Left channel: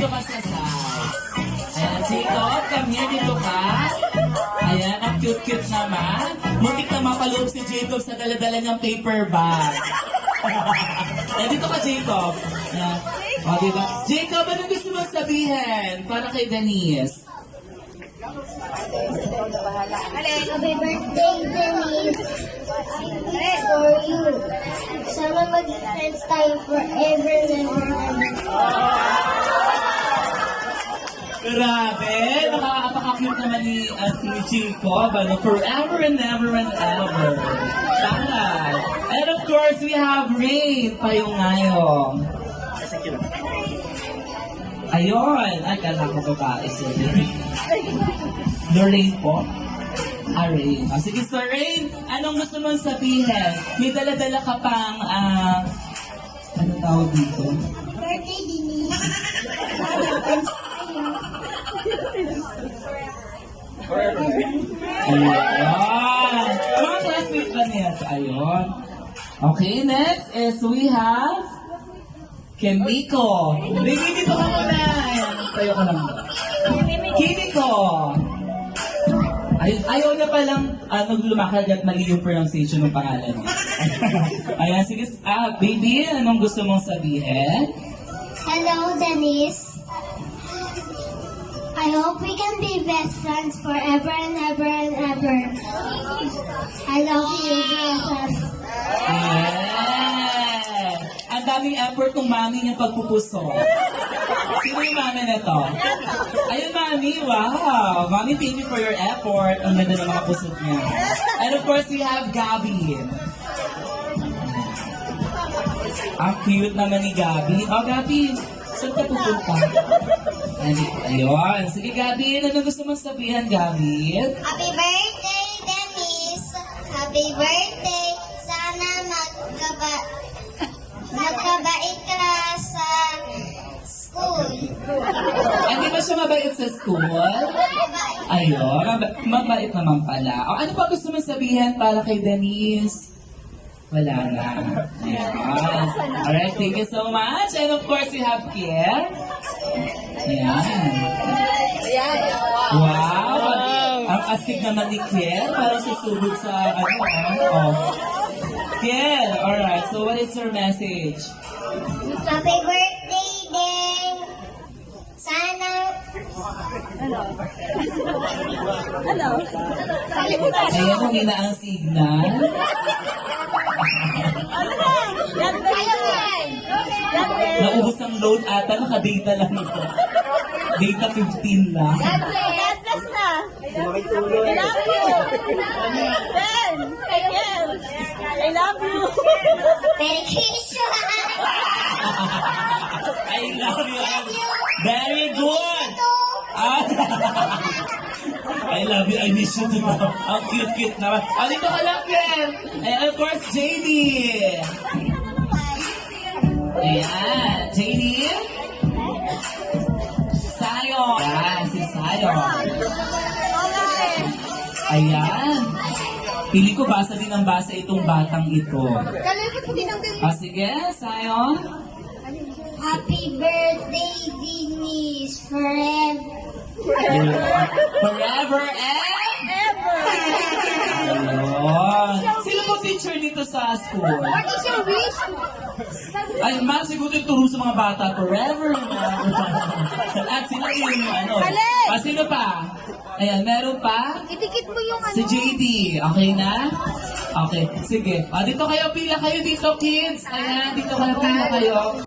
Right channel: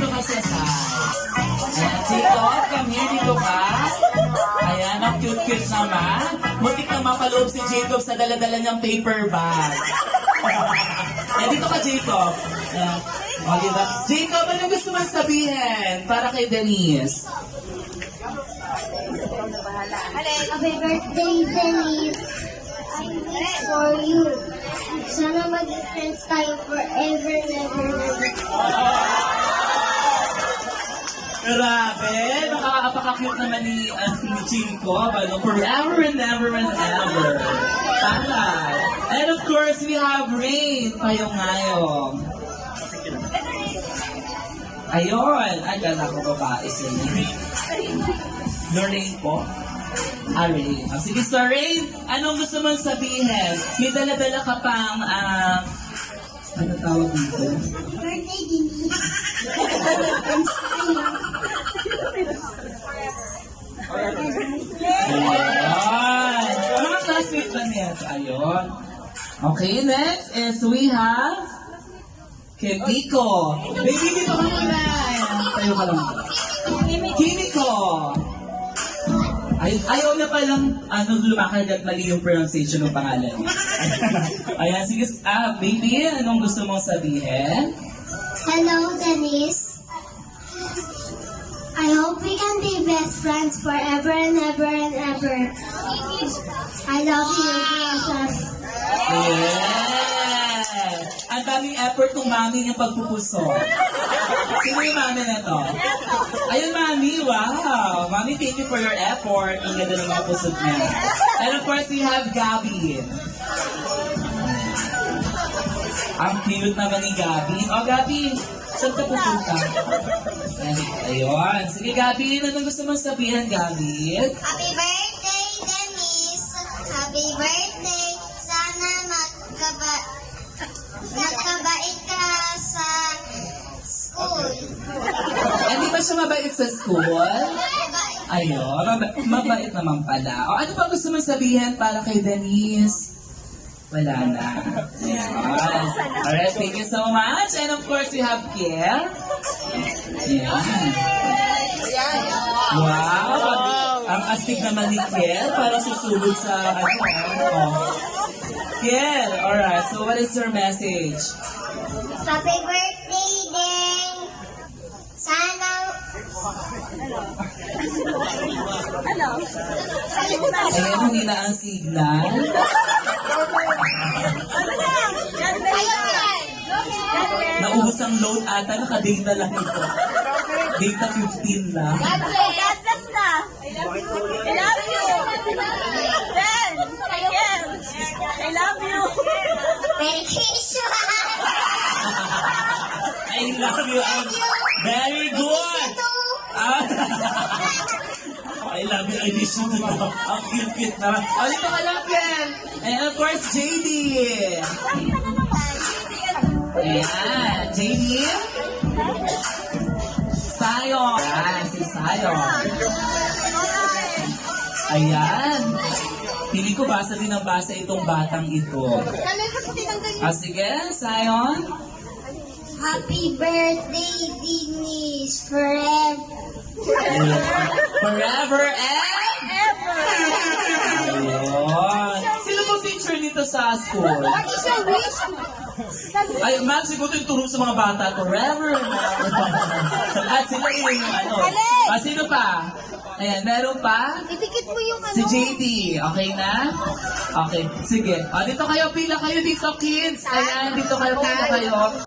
Dito ka sa size. Ayan, Jacob, come here, dito ka. Ayan, ang cute-cute naman. Mukit na mapaloob si Jacob sa daladala niyang paper bag. Ayan, dito ka, Jacob. Ayan. O, diba? Jacob, ano gusto mo sabihin para kay Denise? Happy birthday, Denise. For you. Sana mag-friends tayo forever and ever. Grabe, nakakapaka-cute naman ni Jacob. Ano, forever and ever and ever. Tama. And of course, we have Rain Payong-ngayong. Ayun. Ay, kala ko babae siya. Lorraine po. Rain. Sige, so Rain, anong gusto mong sabihin? May dala-dala ka pang, ano tawag dito? Birthday, Denise. Ayun. Mga classmate ba niya? Ayun. Okay, next is we have Kimiko. Baby, dito ka muna. Ayan, tayo ka lang. Kimiko. Ayaw na palang lumakad at mali yung pronunciation ng pangalan. Ayan, sige. Baby, anong gusto mong sabihin? Hello, Denise. I hope we can be best friends forever and ever and ever. I love you, BFF. Yeah! Ang daming effort ng mami ng pagpupuso. Sino yung mami na to? Ayun, mami, wow! Mami, thank you for your effort. Ang ganda ng mga pusot niya. And of course, we have Gabby. Ang cute naman ni Gabby. Oh, Gabby, saan ka pupunta? Ayun. Sige, Gabby, ano gusto mong sabihin, Gabby? Happy birthday, Denise. Happy birthday. Sana magkabait ka sa school. Hindi ba siya mabait sa school? Ayun, mabait naman pala. O, ano pa gusto mong sabihin para kay Denise? Wala na. Ayan. Alright, thank you so much. And of course, we have Kier. Ayan. Wow! Ang astig naman ni Kier para susubod sa Kier, alright. So what is your message? Happy birthday, Den. Sana... Ayan, humina ang signal. Naubos ang load ata, naka-data lang ito. Data 15 na. God bless na. I love you. Ben, I love you. Vacation. I love you. Very good. I love you. I miss you too. Ang cute-cute naman. O, dito ka lang, Ken. And of course, JD. Ayan. JD. Sayon. Ayan, si Sayon. Ayan. Pili ko basa din ang basa itong batang ito. Sige, Sayon. Happy birthday, Denise. Forever. Forever and ever. Ayun. Sino po teacher nito sa school? What is your wish? Ay, ma'am, siguro itulong sa mga bata. Forever. At sila yung sino pa? Ayan, meron pa? Itikit mo yung Si JD. Okay na? Okay, sige. Dito kayo, pila kayo dito, kids. Ayan, dito kayo, pila kayo.